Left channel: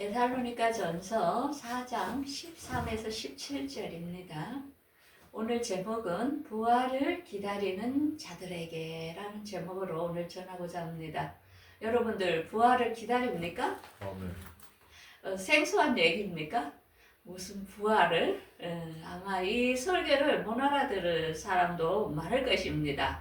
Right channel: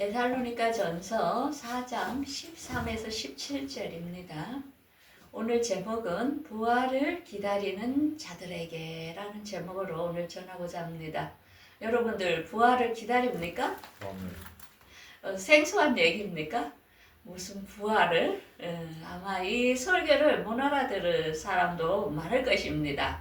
데살로니가 전서 4장 13에서 17절입니다. 오늘 제목은 부활을 기다리는 자들에게 라는 제목으로 오늘 전하고자 합니다. 여러분들 부활을 기다립니까? 생소한 얘기입니까? 무슨 부활을? 아마 이 설교를 못 알아들을 사람도 많을 것입니다.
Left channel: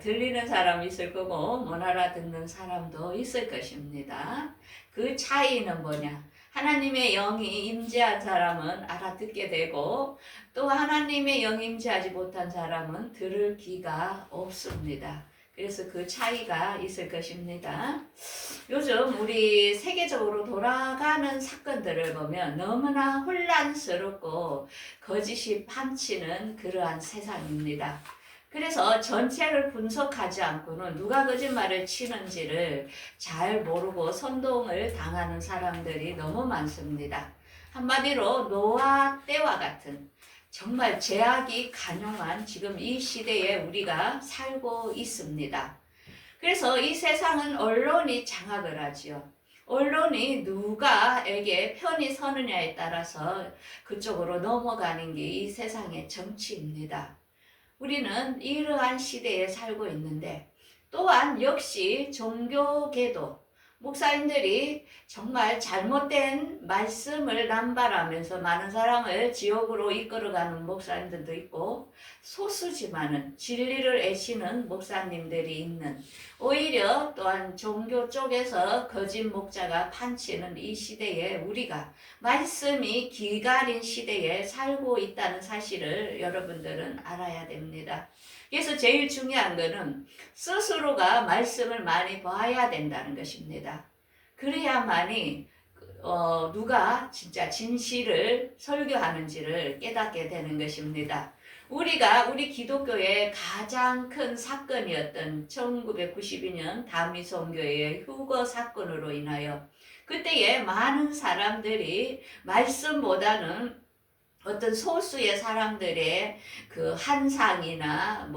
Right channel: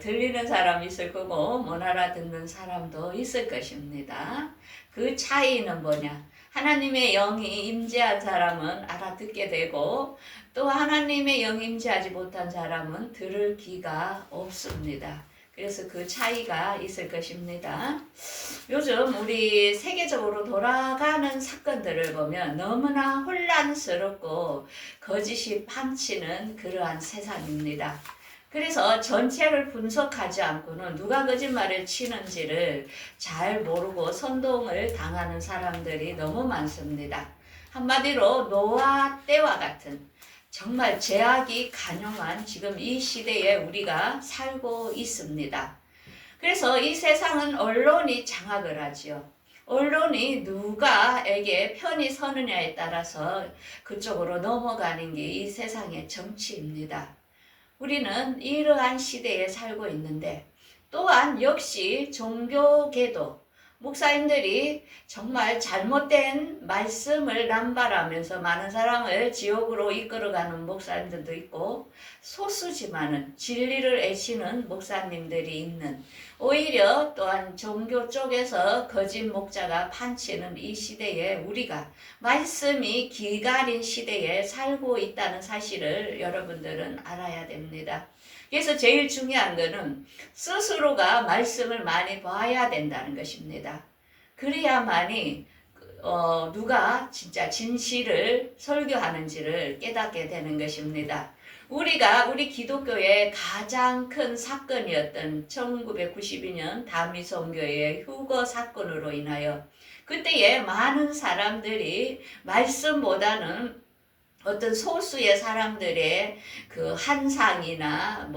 들리는 사람 있을 거고 못 알아듣는 사람도 있을 것입니다. 그 차이는 뭐냐? 하나님의 영이 임재한 사람은 알아듣게 되고 또 하나님의 영이 임재하지 못한 사람은 들을 귀가 없습니다. 그래서 그 차이가 있을 것입니다. 요즘 우리 세계적으로 돌아가는 사건들을 보면 너무나 혼란스럽고 거짓이 판치는 그러한 세상입니다. 그래서 전체를 분석하지 않고는 누가 거짓말을 치는지를 잘 모르고 선동을 당하는 사람들이 너무 많습니다. 한마디로 노아 때와 같은 정말 죄악이 간용한 지금 이 시대에 우리가 살고 있습니다. 그래서 이 세상은 언론이 장악을 하지요. 언론이 누가에게 편히 서느냐에 따라서 그쪽으로 넘어가는 게 이 세상의 정치입니다. 우리는 이러한 시대에 살고 있는데 또한 역시 종교계도 목사님들이 정말 잘못된 말씀을 남발하면서 많은 사람을 지옥으로 이끌어가는 목사님들도 있고 소수지만은 진리를 애쓰는 목사님들이 있는 오히려 또한 종교 쪽에서 거짓 목자가 판치는 이 시대에 우리가 말씀이 기가린 시대에 살고 있다는 사실을 여러분들은 알아야 됩니다. 그래서 제일 중요한 것은 스스로가 말씀을 많이 봐야 된다는 것입니다. 그래야만이 누가 진짜 진실을 설교하는지를 깨닫게 되는 것입니다. 우리 기독교의 가장 큰 사건이었던 1992년 다미성교의 휴거 사건으로 인하여 그때에 많은 사람들이 말씀보다는 어떤 소수의 사람들의 그 환상이나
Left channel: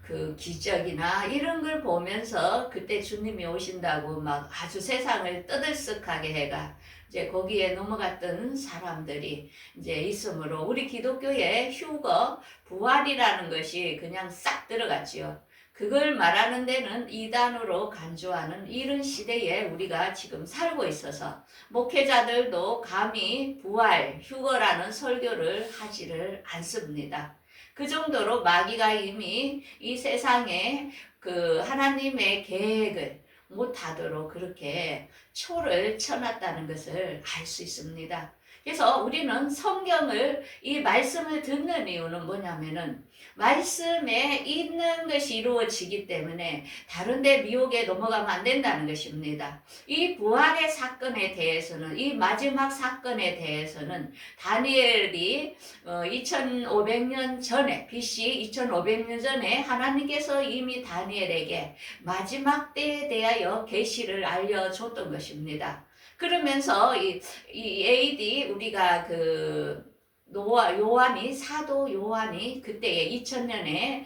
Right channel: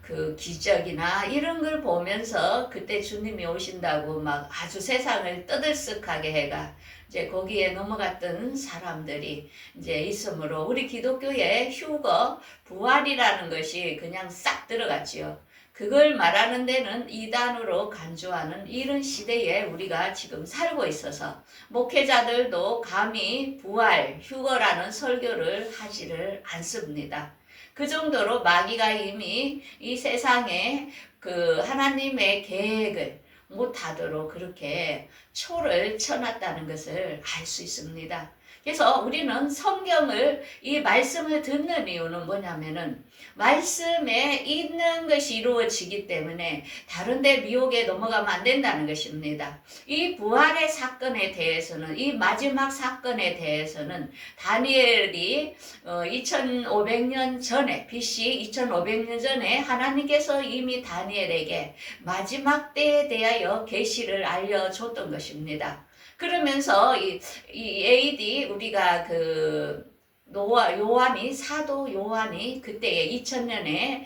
그 기적이나 이런 걸 보면서 그때 주님이 오신다고 막 아주 세상을 떠들썩하게 해가 이제 거기에 넘어갔던 사람들이 이제 있으므로 우리 기독교의 휴거, 부활이라는 것이 그냥 싹 들어갔지요. 그걸 말하는 데는 이단으로 간주하는 이런 시대에 우리가 지금 살고 있어서 목회자들도 감히 부활, 휴거라는 설교를 하지를 않습니다. 그 정도로 마귀가 이미 이 세상에 그 하나님의 계획을 못하도록 그렇게 초를 쳐놨다는 것을 알 수 있습니다. 그래서 우리는 성경을 이 말씀을 듣는 이유는 뭐냐면은 말씀에 있는 것이 이루어지기 때문에 다른 데 미혹에 넘어가면 안 된다는 것입니다. 이 부활의 사건에 대해서는 이 마지막 사건에 대해서는 다니엘이 2500년 전에 BC 2500년 전에 하나님께서 이미 다니엘에게 마지막 때에 대하여 계시를 알려줬던 것입니다. 그러면서 이 AD 우리가 그 사도 요한이 그때에 2000년에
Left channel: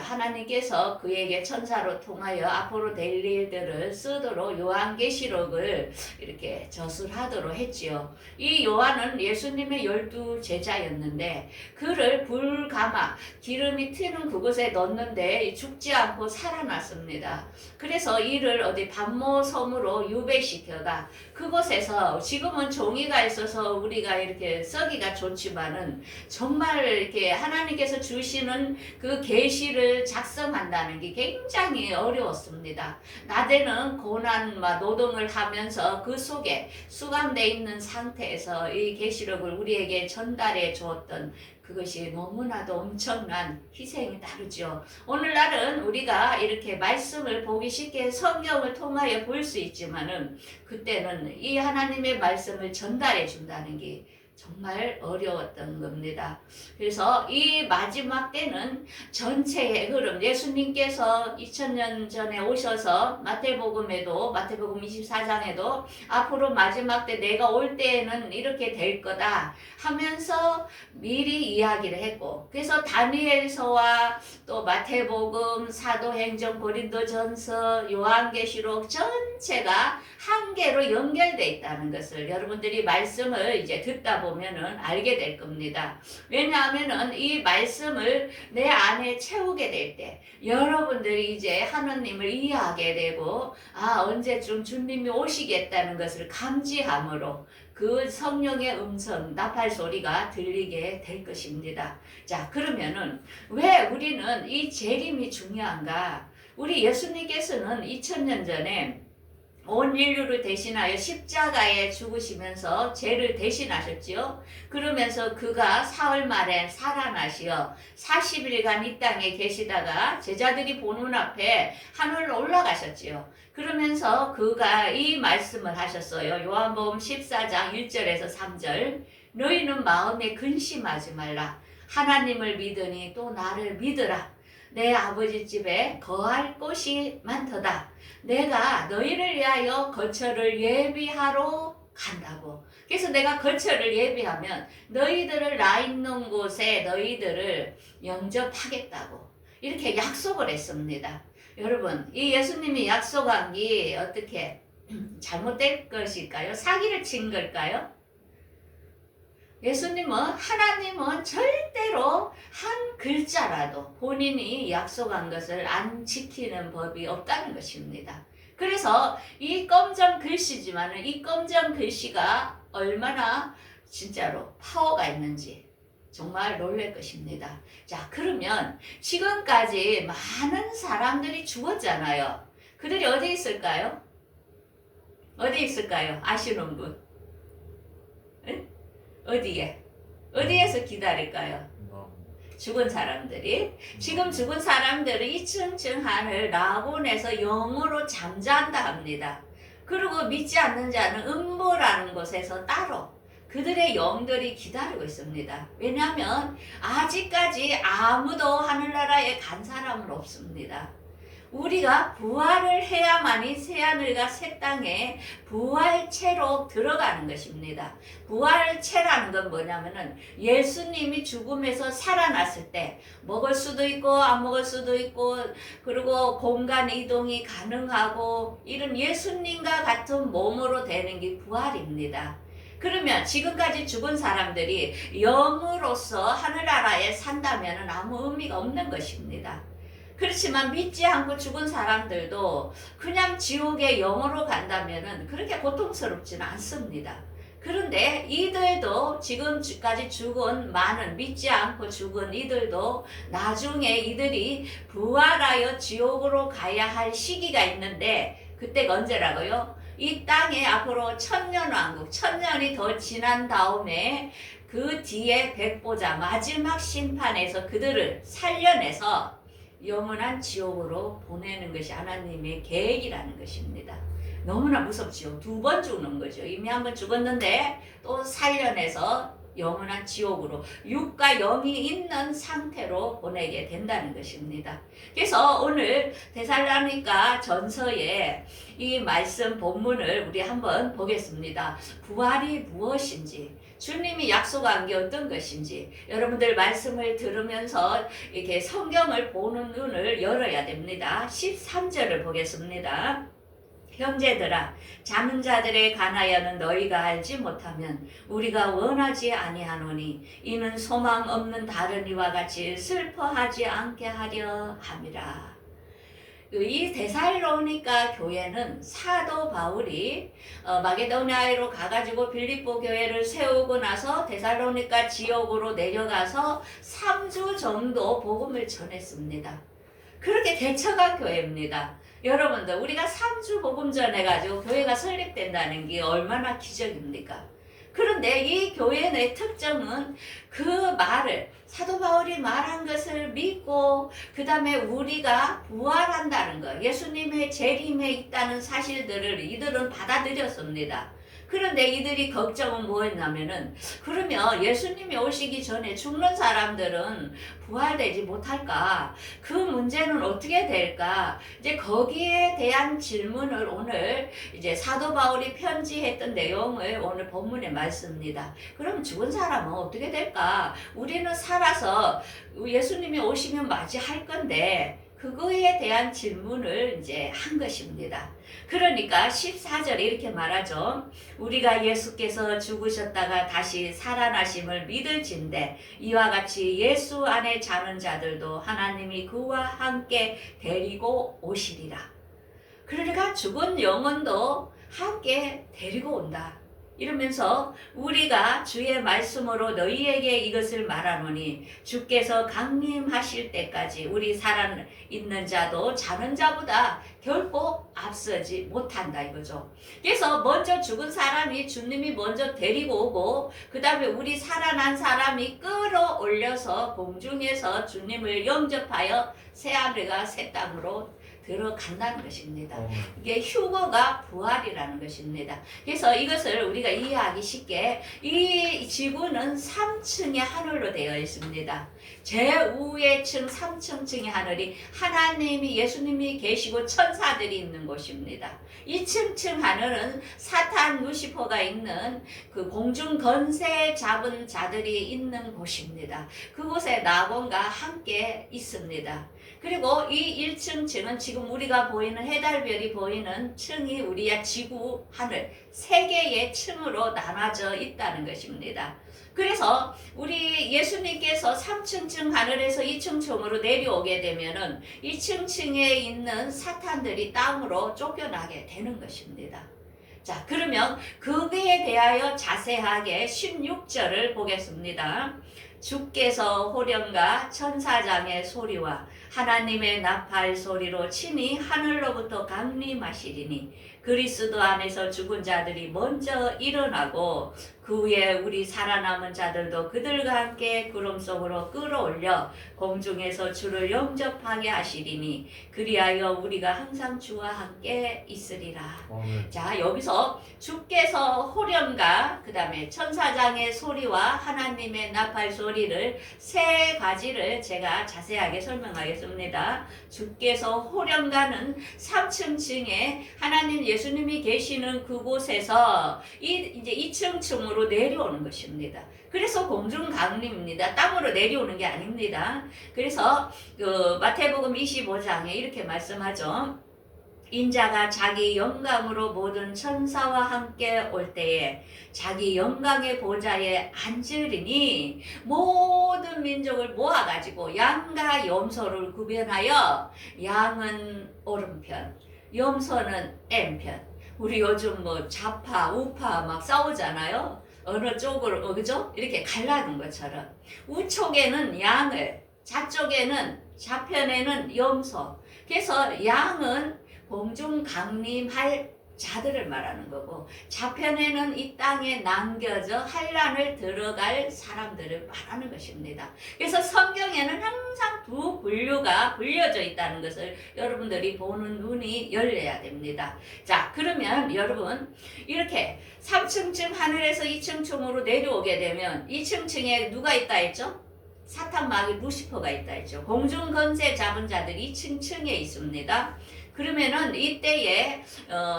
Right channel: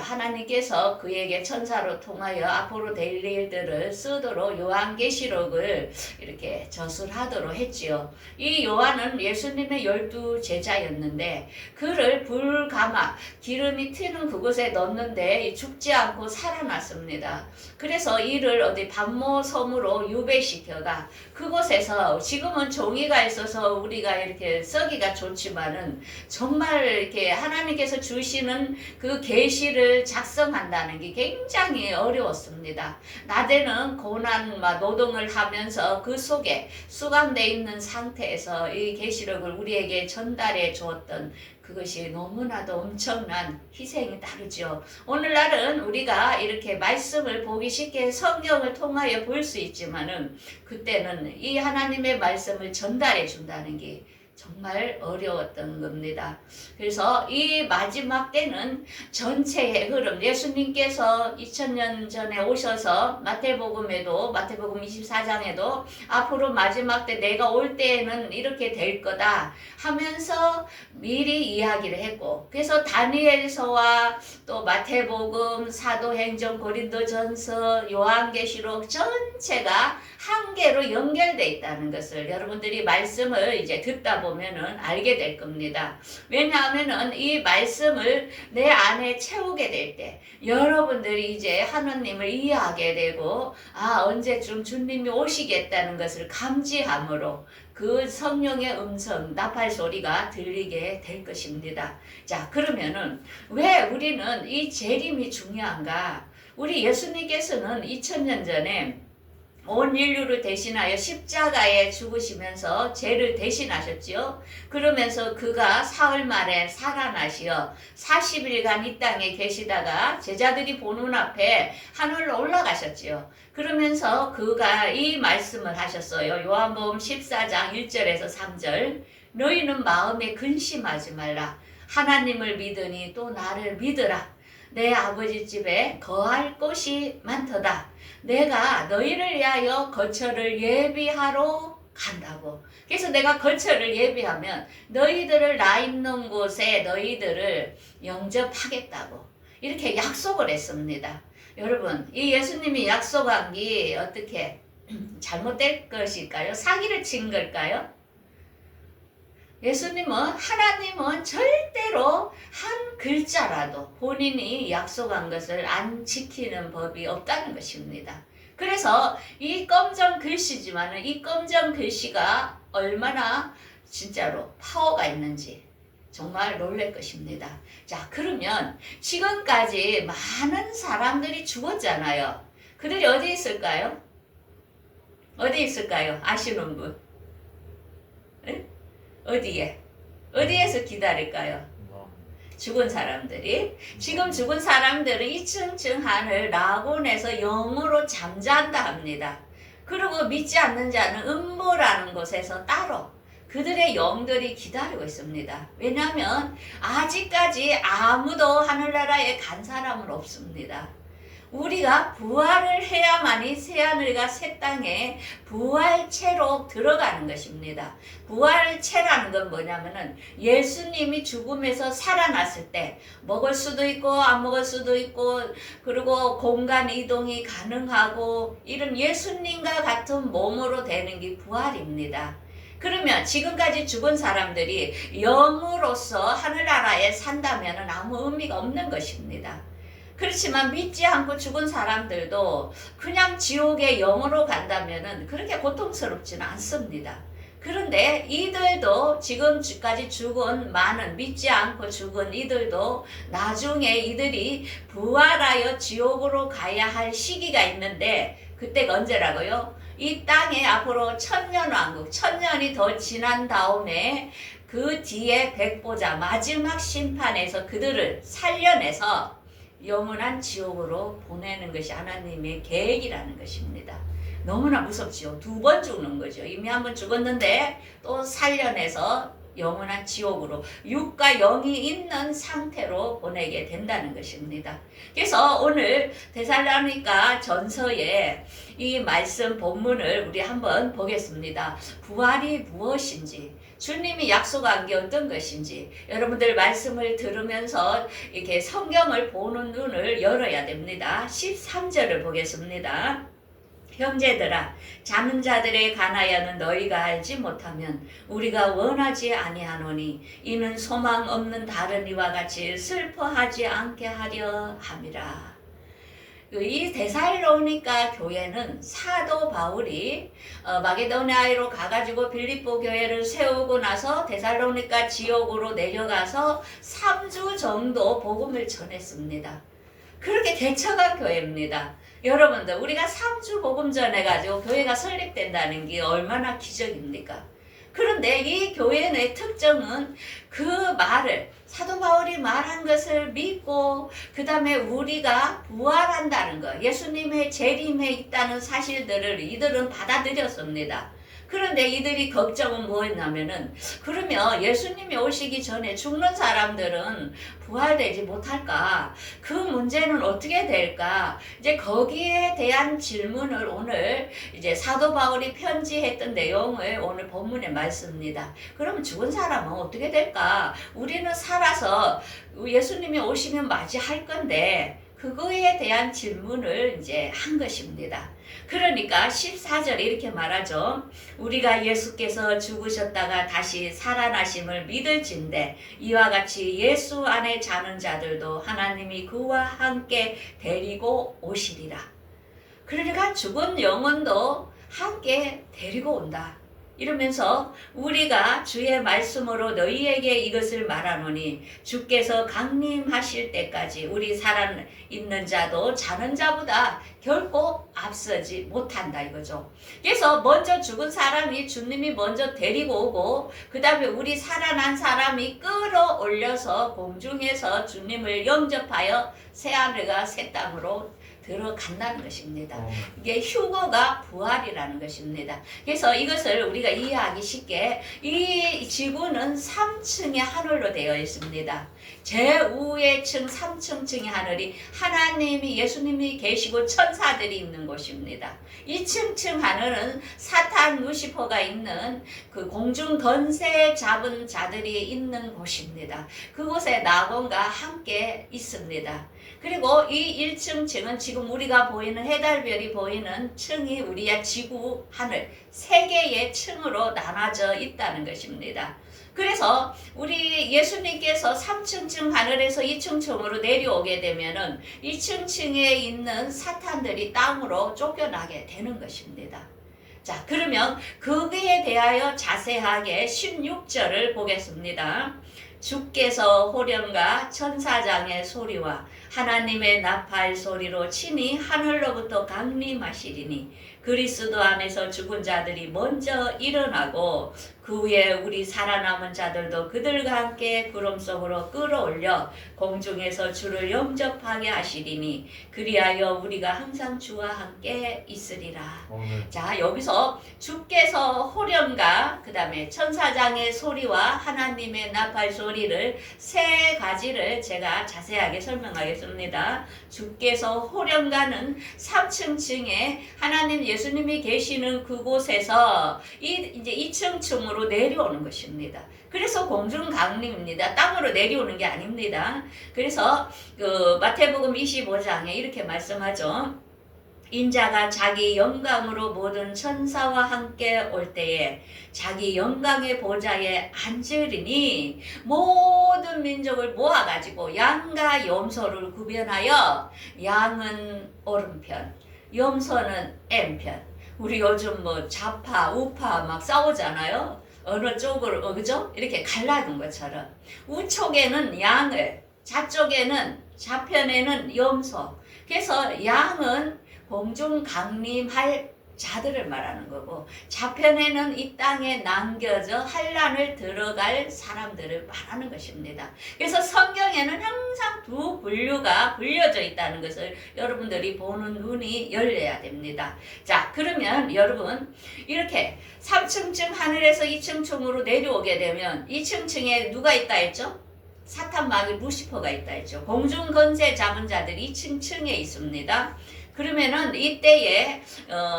하나님께서 그에게 천사로 통하여 앞으로 될 일들을 쓰도록 요한계시록을 이렇게 저술하도록 했지요. 이 요한은 예수님의 12 제자였는데 그를 불가마 기름이 튀는 그곳에 넣는데 죽지 않고 살아났습니다. 그래서 이를 어디 반모 섬으로 유배시켜가 그곳에서 지금은 종이가 있어서 우리가 이렇게 쓰기가 좋지만은 정말 이렇게 하나님께서 주시는 그 계시를 작성한다는 게 굉장히 어려웠습니다. 낮에는 고난 노동을 하면서 그 속에 수감되어 있는 상태에서 이 계시록을 우리에게 전달해 주었던 그것이 너무나도 엄청난 희생이 다르죠. 오늘날은 우리가 이렇게 말씀을 보기 쉽게 성경을 통하여 볼 수 있지만은 그때는 이 하나님의 말씀을 전달해 준다는 게 정말 어려웠던 겁니다. 그래서 이 마지막 때는 전체의 흐름, 예수님께서 2000년 전에 오셔서 마태복음 24장에도 앞으로 마지막 때 내가 올 때에는 이렇게 될 거다 하면서 미리 이야기를 했고, 그래서 다니엘서와 또 마태복음, 사도행전, 고린도전서, 요한계시록 전체가 한 개로 연결되어 있다는 것을 여러분들이 말씀을 이제 듣다 보면은 알게 될 겁니다. 왜냐하면은 이 말씀을 내 안에 채우게 될 때 여러분들이 이제 하느님을 이해하게 되고, 언제쯤 주님이 오시겠다는 것을 감지함으로 그 성령의 음성, 나팔 소리가 들리게 될 것입니다. 자, 그러면은 왜 우리는 이 재림이 중요한가? 우리 예수님께서는 2000년 전에 온 인류를 대신하여 십자가에 죽으시면서 죄를 대신하셨지요. 그러면서 그가 사흘 만에 살아나시어 40일간 이 땅에 계시다가 제자들이 보는 앞에 하늘로 올라가셨지요. 그러면서 그가 이 말씀을 하셨어요. 요한복음 14장 1절에서 3절. 너희는 마음에 근심하지 말라. 하나님을 믿으니 또 나를 믿으라. 내 아버지 집에 거할 곳이 많도다. 내가 너희를 위하여 거처를 예비하러 간다고. 그래서 내가 거처를 예비하면 너희들을 나 있는 곳에 너희들을 영접하겠다고 이렇게 약속을 했습니다. 여러분, 이 예수님이 약속한 게 어떻게 잘못된 것일까요? 사기를 친 걸까요? 예수님은, 하나님은 절대로 한 글자라도 본인이 약속한 것을 안 지키는 법이 없다는 것입니다. 그래서 이 검정 글씨지만은 이 검정 글씨가 얼마나 진짜로 파워가 있는지 정말 놀랄 것입니다. 자, 그러면 지금까지 많은 사람들이 죽었잖아요. 그들이 어디 있을까요? 어디 있을까요? 아시는 분? 에? 어디에서 기다릴까요? 죽은 사람들이. 지금 죽은 사람들은 이층층 하늘 낙원에서 영으로 잠잔다 합니다. 그리고 믿지 않는 자는 음모라는 곳에서 따로 그들의 영들이 기다리고 있습니다. 왜냐하면 아직까지 아무도 하늘나라에 간 사람은 없습니다. 우리가 부활을 해야만이 새하늘과 새 땅에 부활체로 들어가는 것입니다. 부활체라는 건 뭐냐면은 예수님이 죽음에서 살아났을 때 먹을 수도 있고 안 먹을 수도 있고, 그리고 공간 이동이 가능하고 이런 예수님과 같은 몸으로 되는 게 부활입니다. 그러면 지금까지 죽은 사람들이 영으로서 하늘나라에 산다면 아무 의미가 없는 것입니다. 그렇지만 믿지 않고 죽은 사람들도 그냥 지옥에 영으로 간다면 그렇게 고통스럽지는 않습니다. 그런데 이들도 지금까지 죽은 많은 믿지 않고 죽은 이들도 나중에 이들이 부활하여 지옥으로 가야 할 시기가 있는데, 그때가 언제라고요? 이 땅에 앞으로 천년왕국, 천년이 더 지난 다음에 그 뒤에 백보자 마지막 심판에서 그들을 살려내서 영원한 지옥으로 보내는 것이 하나님의 계획이라는 것입니다. 너무나 무섭지요. 2번 죽는 거죠. 이미 한 번 죽었는데 또 살려내서 영원한 지옥으로, 육과 영이 있는 상태로 보내게 된다는 것입니다. 그래서 오늘 데살로니가 전서의 이 말씀 본문을 우리 한번 보겠습니다. 부활이 무엇인지, 주님이 약속한 게 어떤 것인지 여러분들 말씀을 들으면서 이렇게 성경을 보는 눈을 열어야 됩니다. 13절을 보겠습니다. 형제들아, 자는 자들에 관하여는 너희가 알지 못하면 우리가 원하지 아니하노니 이는 소망 없는 다른 이와 같이 슬퍼하지 않게 하려 함이라. 이 데살로니가 교회는 사도 바울이 마게도니아로 가가지고 빌립보 교회를 세우고 나서 데살로니가 지역으로 내려가서 3주 정도 복음을 전했습니다. 그렇게 개척한 교회입니다. 여러분들, 우리가 3주 복음 전해가지고 교회가 설립된다는 게 얼마나 기적입니까? 그런데 이 교회의 특징은 그 말을, 사도 바울이 말한 것을 믿고 그 다음에 우리가 부활한다는 것, 예수님의 재림에 있다는 사실들을 이들은 받아들였습니다. 그런데 이들이 걱정은 뭐였냐면은 그러면 예수님이 오시기 전에 죽는 사람들은 부활되지 못할까? 그 문제는 어떻게 될까? 이제 거기에 대한 질문을 오늘 이제 사도 바울이 편지했던 내용을 오늘 본문에 말씀입니다. 그럼 죽은 사람은 어떻게 될까? 우리는 살아서 예수님이 오시면 맞이할 건데 그거에 대한 질문을 이제 한 것입니다. 그러니까 14절에 이렇게 말하죠. 우리가 예수께서 죽으셨다가 다시 살아나심을 믿을진대 이와 같이 예수 안에 자는 자들도 하나님이 그와 함께 데리고 오시리라. 그러니까 죽은 영혼도 함께 데리고 온다. 이러면서 우리가 주의 말씀으로 너희에게 이것을 말하노니 주께서 강림하실 때까지 우리 살아있는 자도 자는 자보다 결코 앞서지 못한다 이거죠. 그래서 먼저 죽은 사람이 주님이 먼저 데리고 오고 그 다음에 우리 살아난 사람이 끌어올려서 공중에서 주님을 영접하여 새하늘과 새 땅으로 들어간다는 것입니다. 이게 휴거가 부활이라는 것입니다. 그래서 이것을 우리가 이해하기 쉽게 이 지구는 3층의 하늘로 되어 있습니다. 제우의 층 3층의 하늘이 하나님이 예수님이 계시고 천사들이 있는 곳입니다. 2층 하늘은 사탄 루시퍼가 있는 그 공중 권세 잡은 자들이 있는 곳입니다. 그곳에 낙원과 함께 있습니다. 그리고 이 1층 층은 지금 우리가 보이는 해달별이 보이는 층이 우리의 지구 하늘 세 개의 층으로 나눠져 있다는 것입니다. 그래서 우리 예수님께서 3층 층 하늘에서 2층 층으로 내려오게 되면은 2층 층에 있는 사탄들이 땅으로 쫓겨나게 되는 것입니다. 자, 그러면 그거에 대하여 자세하게 16절을 보겠습니다. 주께서 호령과 천사장의 소리와 하나님의 나팔 소리로 친히 하늘로부터 강림하시리니 그리스도 안에서 죽은 자들이 먼저 일어나고 그 후에 우리 살아남은 자들도 그들과 함께 구름 속으로 끌어올려 공중에서 주를 영접하게 하시리니 그리하여 우리가 항상 주와 함께 있으리라. 자, 여기서 주께서 호령과 그 다음에 천사장의 소리와 하나님의 나팔 소리를 세 가지를 제가 자세하게 설명하겠습니다. 주께서 호령과는 3층 층에 하나님 예수님이 계시는 그곳에서 이제 2층 층으로 내려오는 것입니다. 그래서 공중 강림입니다. 땅으로 내려오는 게 아닙니다. 그래서 그 마태복음 25장에 이렇게 말씀하죠. 인자가 자기 영광으로 모든 천사와 함께 올 때에 자기 영광의 보좌에 앉으리니 모든 민족을 모아가지고 양과 염소를 구별하여 양은 오른편, 염소는 왼편. 우리 요즘 뭐 좌파, 우파 막 싸우잖아요. 어느 쪽으로, 그죠? 이렇게 갈라둔 것처럼. 우쪽에는 양을, 좌편에는 염소. 그래서 양은 공중 강림할 자들을 말하는 거고 좌편에는 이 땅에 남겨져 환란을 들어갈 사람들을 말하는 것입니다. 그래서 성경에는 항상 두 분류가 불려져 있다는 것을 여러분들이 보는 눈이 열려야 됩니다. 자, 그러면 여러분 이렇게 3층 층 하늘에서 2층 층으로 내려오게 되면 2층 층에 누가 있다 했죠? 사탄 마귀 루시퍼가 있다 했죠. 공중 권세 잡은 자들이 2층 층에 있습니다. 그러면은 이때에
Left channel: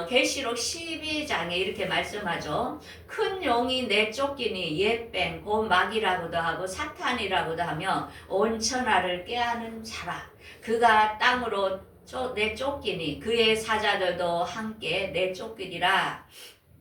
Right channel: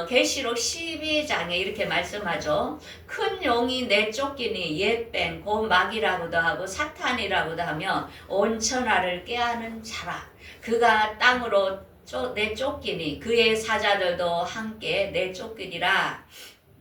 계시록 12장에 이렇게 말씀하죠. 큰 용이 내쫓기니 옛뱀 곧 마귀라고도 하고 사탄이라고도 하며 온 천하를 꾀하는 자라. 그가 땅으로 내쫓기니 그의 사자들도 함께 내쫓기리라.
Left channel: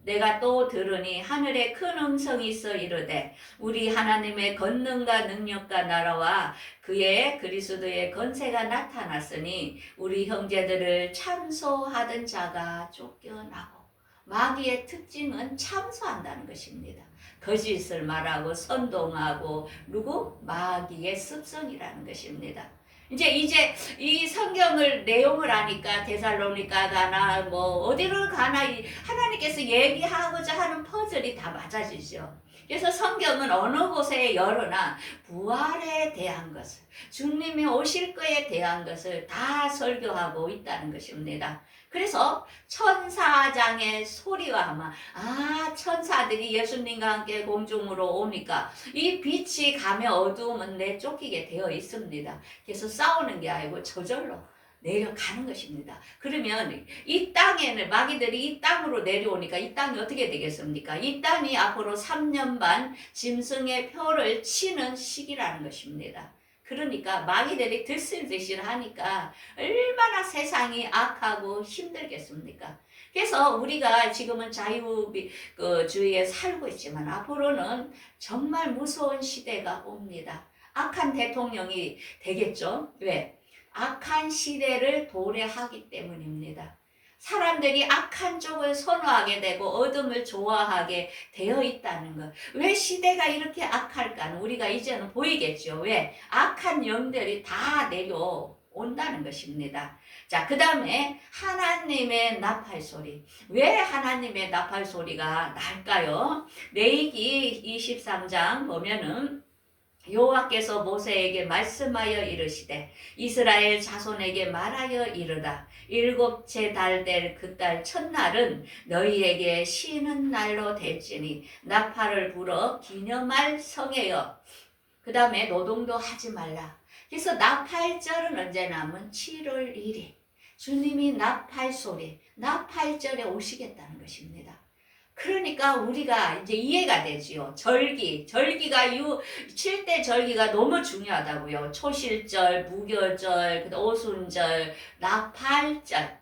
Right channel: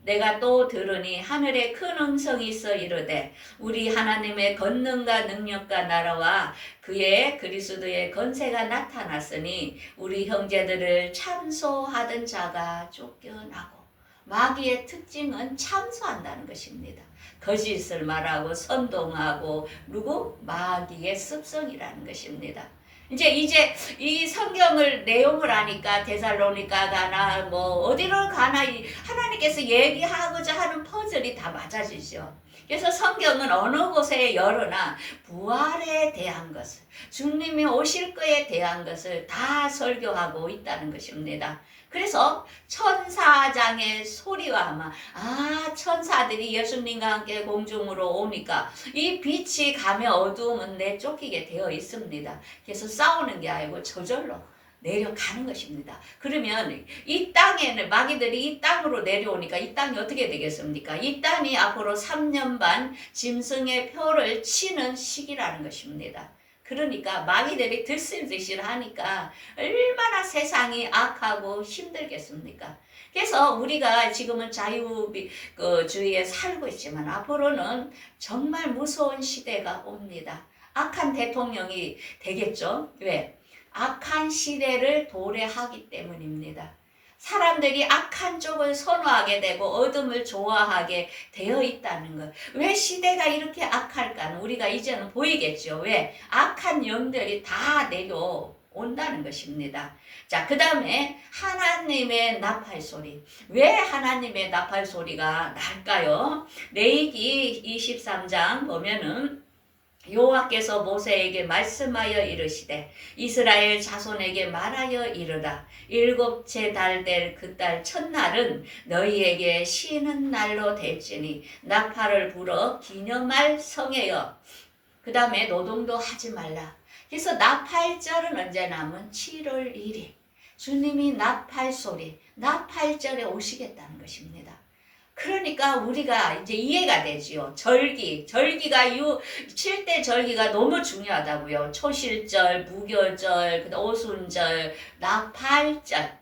내가 또 들으니 하늘에 큰 음성이 있어 이르되 우리 하나님의 권능과 능력과 나라와 그의 그리스도의 권세가 나타났으니 우리 형제들을 참소하던 자가 쫓겨나고. 마귀의 특징은 참소한다는 것입니다. 거짓을 말하고 선동하고 그리고 마귀의 습성이라는 것입니다. 이제 이 성경을 내용을 아니까 데살로니가 가나 뭐 어디로 가나 하나님께서 얘기하고자 하는 퍼즐이 다 맞아지죠. 그래서 성경은 어느 곳에 열어나 부활에 대한 것을 주님이 오실 거에 대한 것을 다 설교하고 있다는 것입니다. 그래서 천사장의 소리와 하마, 천사들이 예수님과 함께 공중으로 오니까 이 빛이 가면 어두움은 내쫓기게 되어 있습니다. 그래서 싸우는 게 아니고 저절로 내려가는 것입니다. 그러면 이 땅에는 마귀들이 이 땅으로 내려오니까 이 땅이 어떻게 되겠습니까? 이 땅이 앞으로 3년 반 짐승의 표를 치는 시기라는 것입니다. 그러니까 마귀들이 들쓸듯이 하니까 얼마나 세상이 악하고 힘들겠습니까? 그래서 우리가 지금은 자유주의에 살고 있지만 앞으로는 정말 무서운 시대가 옵니다. 악한 대통령이 되겠죠? 왜? 악한 시대를 도래하기 때문입니다. 사람들이 악한 쪽을 선호하게 되고 어둠을 좋아하게 되어 있다는 것. 왜 시대가 이렇게 악할까는 우리가 이제는 보이겠죠. 왜? 악한 영들이 다 내려온다는 것입니다. 자, 그 다음에 하나님의 나팔 소리. 왜 하나님의 나팔 소리가 날까요? 레위기 23장 보면은 여호와께서 모세에게 말씀하여 이르시되 이스라엘 자손에게 말하여 이르라. 7째 달 될 그 달 첫날은 너희에게 쉬는 날로 될지니 나팔을 불어 기념할 성회여. 그 다음에 노동도 하지 말라. 그래서 나팔절은 언제나 하면 7월 1일 주님이 나팔 소리, 나팔절에 오시겠다는 것입니다. 그러니까 우리가 이제 이해가 되지요. 절기가 7대 절기가 너무 중요하다고요. 초실절, 무교절, 오순절, 나팔절.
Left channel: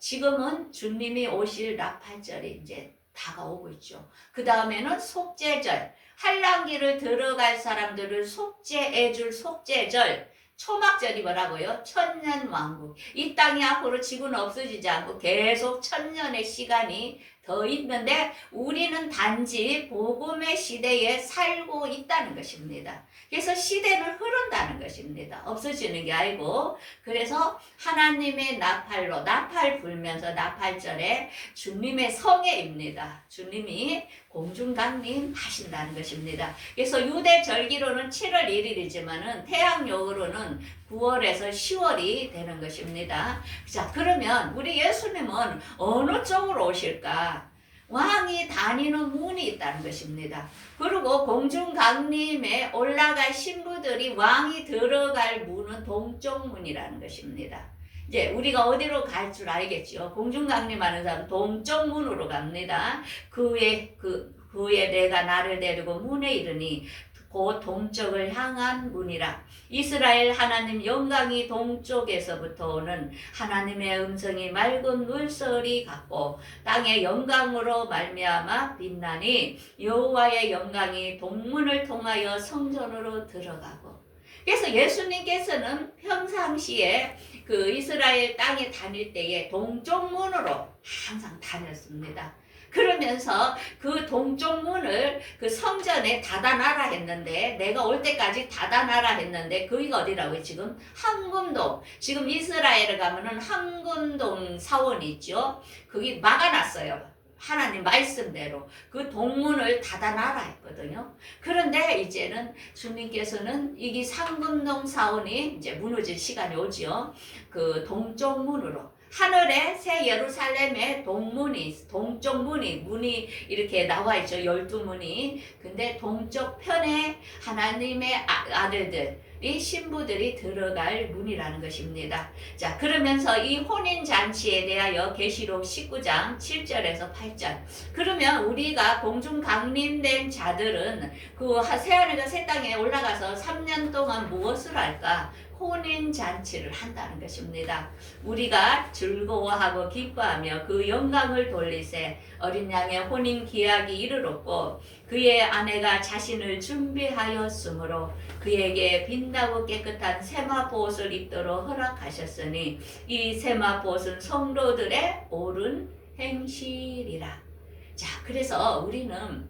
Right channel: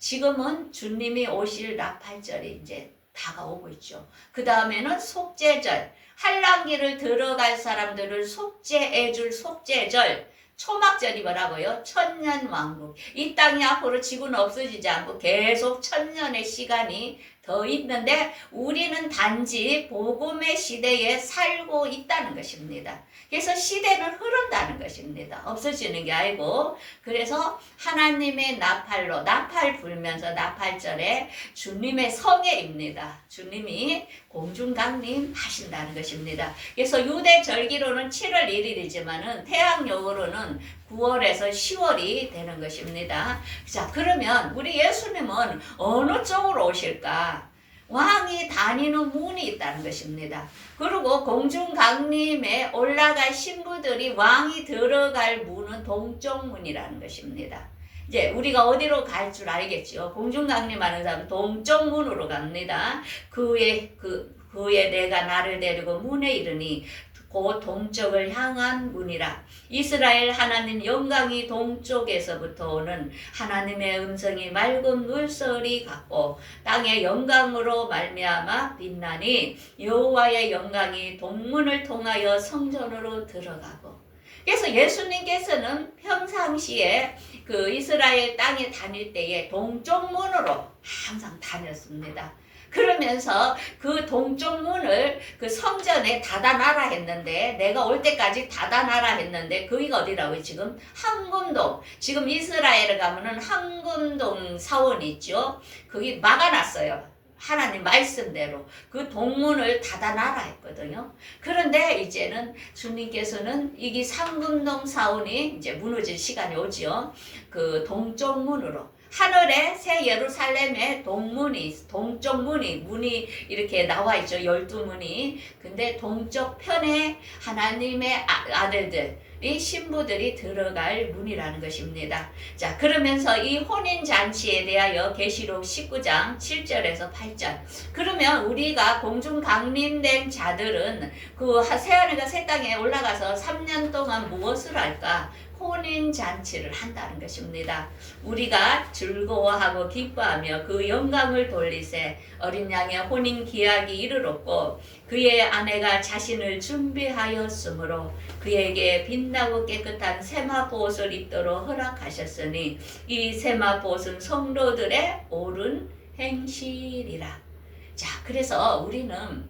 지금은 주님이 오실 나팔절이 이제 다가오고 있죠. 그 다음에는 속죄절. 한란기를 들어갈 사람들을 속죄해줄 속죄절. 초막절이 뭐라고요? 천년왕국. 이 땅이 앞으로 지구는 없어지지 않고 계속 천년의 시간이 더 있는데 우리는 단지 복음의 시대에 살고 있다는 것입니다. 그래서 시대는 흐른다는 것입니다. 없어지는 게 아니고. 그래서 하나님의 나팔로 나팔 불면서 나팔절에 주님의 성회입니다. 주님이 공중강림 하신다는 것입니다. 그래서 유대 절기로는 7월 1일이지만은 태양력으로는 9월에서 10월이 되는 것입니다. 자, 그러면 우리 예수님은 어느 쪽으로 오실까? 왕이 다니는 문이 있다는 것입니다. 그리고 공중강림에 올라갈 신부들이 왕이 들어갈 문은 동쪽문이라는 것입니다. 이제 우리가 어디로 갈 줄 알겠죠. 공중강림하는 사람은 동쪽 문으로 갑니다. 그 후에 내가 나를 데리고 문에 이르니 그 동쪽을 향한 문이라. 이스라엘 하나님 영광이 동쪽에서부터 오는 하나님의 음성이 맑은 물소리 같고 땅의 영광으로 말미암아 빛나니 여호와의 영광이 동문을 통하여 성전으로 들어가고. 그래서 예수님께서는 평상시에 그 이스라엘 땅에 다닐 때에 동쪽 문으로 항상 다녔습니다. 그러면서 그 동쪽 문을 그 성전에 닫아놔라 했는데, 내가 올 때까지 닫아놔라 했는데, 거기가 어디라고요? 지금 황금동. 지금 이스라엘에 가면은 황금동 사원이 있죠. 거기 막아놨어요. 하나님 말씀대로 그 동문을 닫아놔라 했거든요. 그런데 이제는 주님께서는 이게 상금동 사원이 이제 무너질 시간이 오죠. 그 동쪽 문으로. 하늘에 새 예루살렘의 동쪽 문이 이렇게 나와 있죠. 12문이. 근데 동쪽 편에 하나님의 아들들, 이 신부들이 들어갈 문이라는 것입니다. 자, 그러면서 이 혼인잔치에 대하여 계시록 19장 7절에서 8절. 그러면 우리가 공중 강림된 자들은 그 새하늘과 새 땅에 올라가서 3년 동안 무엇을 할까? 혼인잔치를 한다는 것입니다. 우리가 즐거워하고 기뻐하며 그 영광을 돌리세. 어린 양의 혼인 기약이 이르렀고 그의 아내가 자신을 준비하였으므로 그에게 빛나고 깨끗한 세마포옷을 입도록 허락하셨으니 이 세마포옷은 성도들의 옳은 행실이라. 자, 그래서 우리는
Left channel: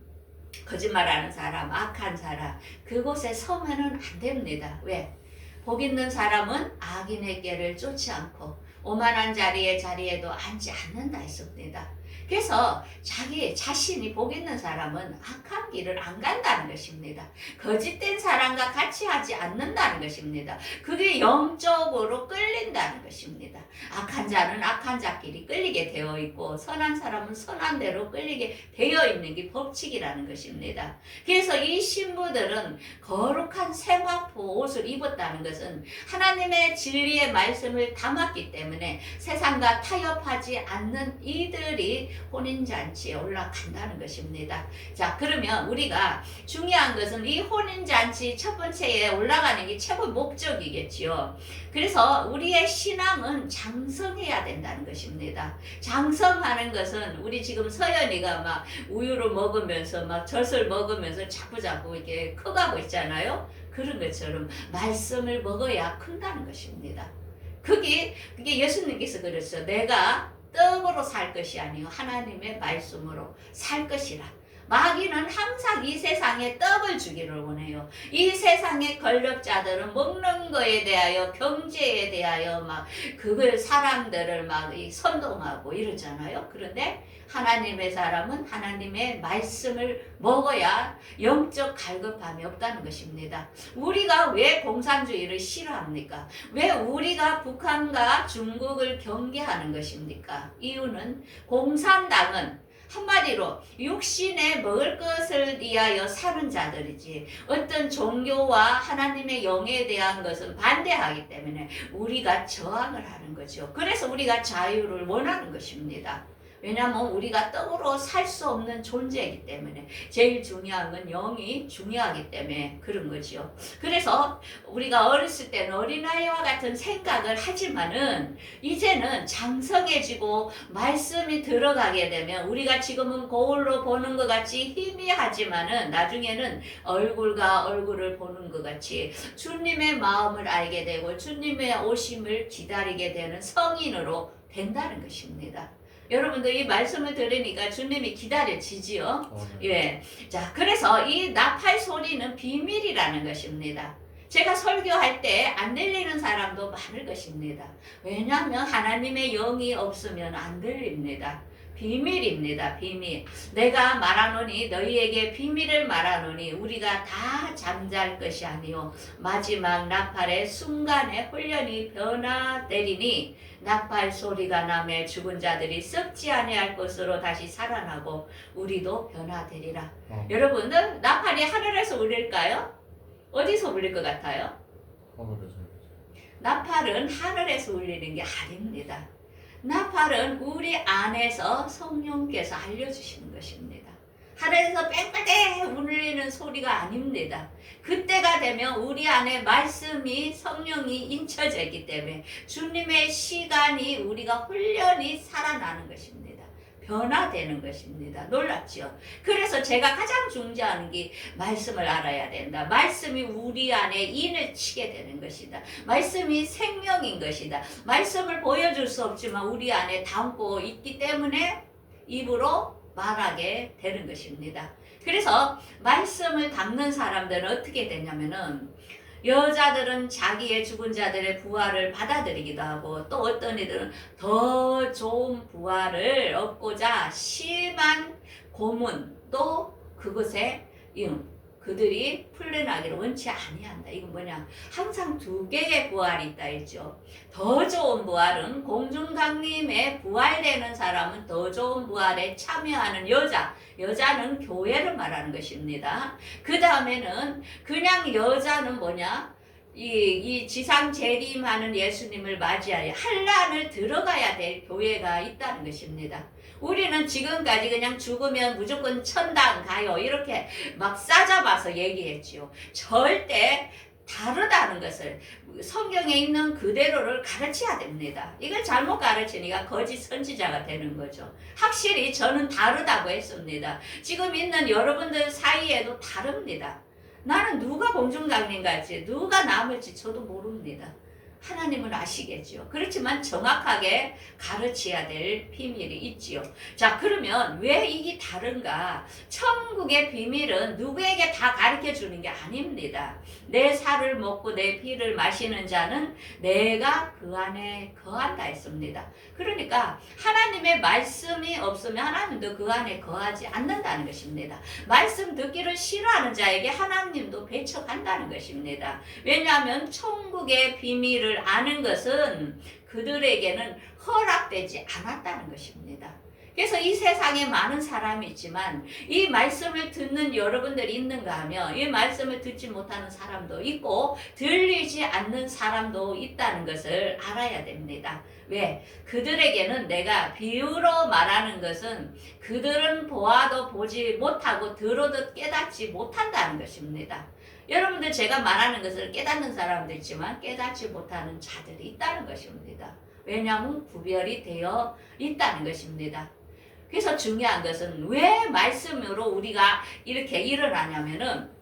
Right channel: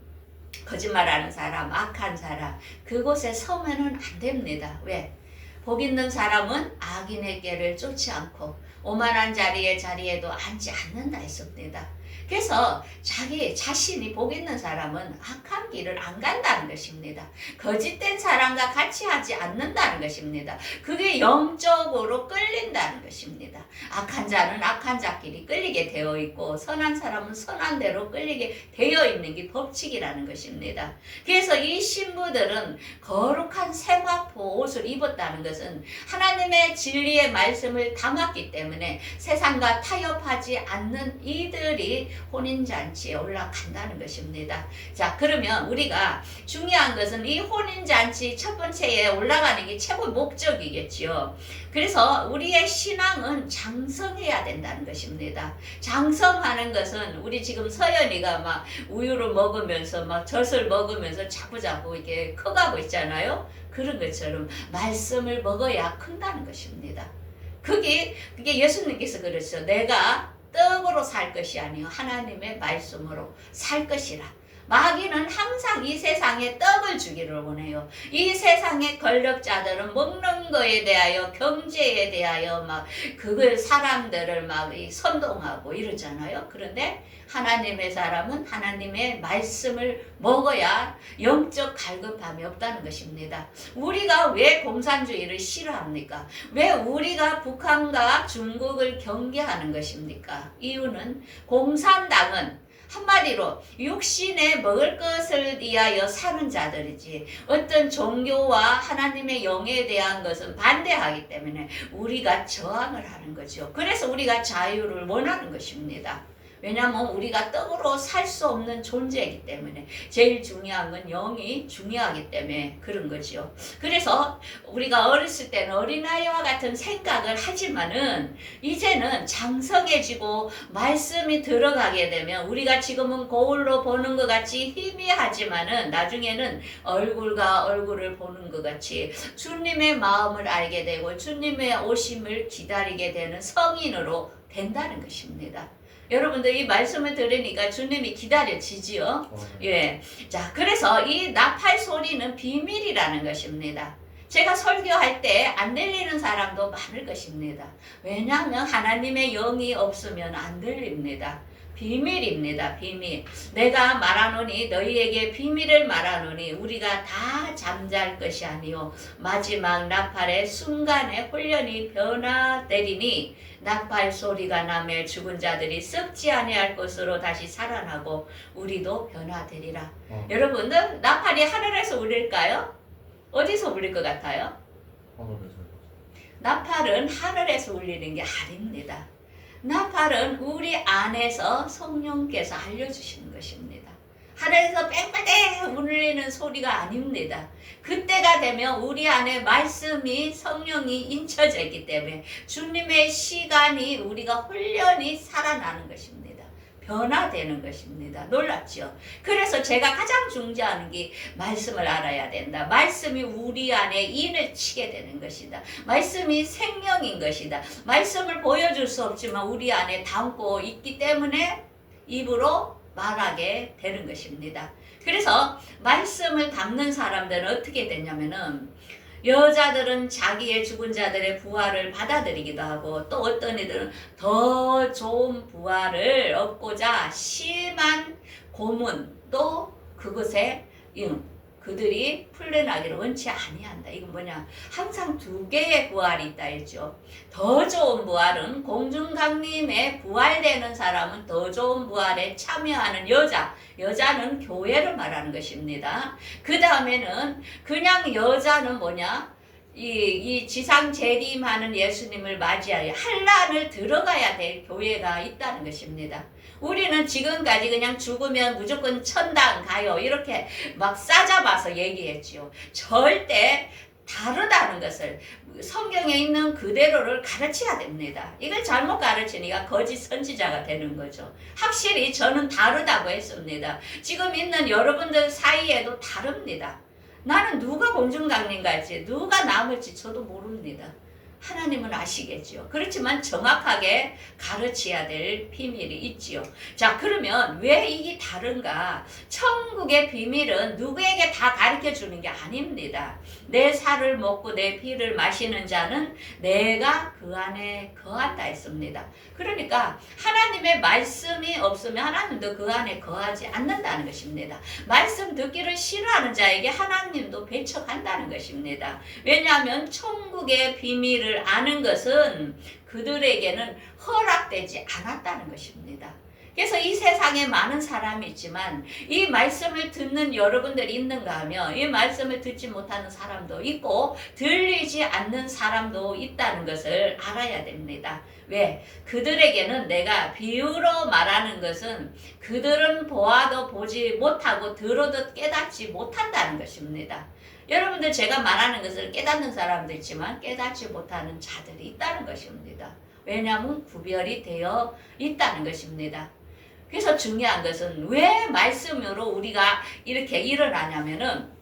거짓말하는 사람, 악한 사람, 그곳에 서면은 안 됩니다. 왜? 복 있는 사람은 악인의 꾀를 쫓지 않고 오만한 자리에도 앉지 않는다 했습니다. 그래서 자기 자신이 복 있는 사람은 악한 길을 안 간다는 것입니다. 거짓된 사람과 같이 하지 않는다는 것입니다. 그게 영적으로 끌린다는 것입니다. 악한 자는 악한 자끼리 끌리게 되어 있고 선한 사람은 선한 대로 끌리게 되어 있는 게 법칙이라는 것입니다. 그래서 이 신부들은 거룩한 세마포 옷을 입었다는 것은 하나님의 진리의 말씀을 담았기 때문에 세상과 타협하지 않는 이들이 혼인잔치에 올라간다는 것입니다. 자, 그러면 우리가 중요한 것은 이 혼인잔치 첫 번째에 올라가는 게 최고 목적이겠지요. 그래서 우리의 신앙은 장성해야 된다는 것입니다. 장성하는 것은 우리 지금 서연이가 막 우유를 먹으면서 막 젖을 먹으면서 자꾸자꾸 이렇게 커가고 있잖아요. 그런 것처럼 말씀을 먹어야 큰다는 것입니다. 그게 예수님께서 그랬죠. 내가 떡으로 살 것이 아니요 하나님의 말씀으로 살 것이라. 마귀는 항상 이 세상에 떡을 주기를 원해요. 이 세상의 권력자들은 먹는 거에 대하여 경제에 대하여 막 그걸 사람들을 막 선동하고 이러잖아요. 그런데 하나님의 사람은 하나님의 말씀을 먹어야 영적 갈급함이 없다는 것입니다. 우리가 왜 공산주의를 싫어합니까? 왜 우리가 북한과 중국을 경계하는 것입니까? 이유는 공산당은 한마디로 육신에 먹을 것을 위하여 사는 자들이지 어떤 종교와 하나님의 영에 대한 것은 반대하기 때문에 우리가 저항을 하는 거죠. 그래서 우리가 자유를 원하는 것입니다. 왜냐하면 우리가 떡으로 살 수 없는 존재이기 때문에 제일 중요한 건 영이 중요하기 때문에 그런 거죠. 그래서 우리가 어렸을 때는 어린아이와 같은 생각을 하지만은 이제는 장성해지고 말씀이 들어가게 되면 우리가 지금은 거울로 보는 것 같이 희미하지만은 나중에는 얼굴과 얼굴을 보는 것 같이 주님의 마음을 알게 되고 주님의 오심을 기다리게 되는 성인으로 된다는 것입니다. 여러분들 이 말씀을 들으니까 주님이 기다려지지요. 예. 자, 그래서 이 나팔 소리는 비밀이라는 것입니다. 제가 설교할 때 안 들리는 사람도 많을 것입니다. 왜냐하면 하나님의 영이 없으면 안 들립니다. 비밀입니다. 비밀. 내가 말하노니 너희에게 비밀을 말하노니 우리가 다 잠잘 것이 아니요 마지막 나팔의 순간에 훈련이 변화되리니 나팔 소리가 나매 죽은 자들이 썩지 아니할 것으로 다시 살아나고 우리도 변화되리라. 여러분들 나팔이 하늘에서 울릴까요? 어디서 울릴 것 같아요? 나팔은 하늘에서 울리는 게 아닙니다. 나팔은 우리 안에서 성령께서 알려주시는 것입니다. 하늘에서 뺑뺑뺑 울리는 소리가 아닙니다. 그때가 되면 우리 안에 말씀이 성령이 인쳐져 있기 때문에 주님의 시간이 우리가 훈련이 살아나는 것입니다. 변화되는 것입니다. 놀랍죠? 그래서 제가 가장 중요한 게 말씀을 알아야 된다. 말씀이 우리 안에 인을 치게 되는 것이다. 말씀이 생명인 것이다. 말씀을 보여줄 수 없지만 우리 안에 담고 있기 때문에 입으로 말하게 되는 것입니다. 그래서 말씀을 담는 사람들은 어떻게 되냐면은 여자들은 자기의 죽은 자들의 부활을 받아들이기도 하고 또 어떤 이들은 더 좋은 부활을 얻고자 심한 고문도 그것에 그들이 풀려나기를 원치 아니한다. 이건 뭐냐? 항상 두 개의 부활이 있다 했죠. 더 좋은 부활은 공중강림에 부활되는 사람은 더 좋은 부활에 참여하는 여자는 교회를 말하는 것입니다. 그 다음에는 그냥 여자는 뭐냐? 이 지상 재림하는 예수님을 맞이하여 한란을 들어가야 될 교회가 있다는 것입니다. 우리는 지금까지 그냥 죽으면 무조건 천당 가요 이렇게 막 싸잡아서 얘기했지요. 절대 다르다는 것을 성경에 있는 그대로를 가르쳐야 됩니다. 이걸 잘못 가르치니까 거짓 선지자가 되는 거죠. 확실히 저는 다르다고 했습니다. 지금 있는 여러분들 사이에도 다릅니다. 나는 누가 공중강림 갈지 누가 남을지 저도 모릅니다. 하나님은 아시겠죠. 그렇지만 정확하게 가르쳐야 될 비밀이 있지요. 자, 그러면 왜 이게 다른가? 천국의 비밀은 누구에게 다 가르쳐 주는 게 아닙니다. 내 살을 먹고 내 피를 마시는 자는 내가 그 안에 거한다 했습니다. 그러니까 하나님의 말씀이 없으면 하나님도 그 안에 거하지 않는다는 것입니다. 말씀 듣기를 싫어하는 자에게 하나님도 배척한다는 것입니다. 왜냐하면 천국의 비밀을 아는 것은 그들에게는 허락되지 않았다는 것입니다. 그래서 이 세상에 많은 사람이 있지만 이 말씀을 듣는 여러분들이 있는가 하면 이 말씀을 듣지 못하는 사람도 있고 들리지 않는 사람도 있다는 것을 알아야 됩니다. 왜? 그들에게는 내가 비유로 말하는 것은 그들은 보아도 보지 못하고 들어도 깨닫지 못한다는 것입니다. 여러분들 제가 말하는 것을 깨닫는 사람도 있지만 깨닫지 못하는 자들이 있다는 것입니다. 왜냐하면 구별이 되어 있다는 것입니다. 그래서 중요한 것은 왜 말씀으로 우리가 이렇게 일어나냐면은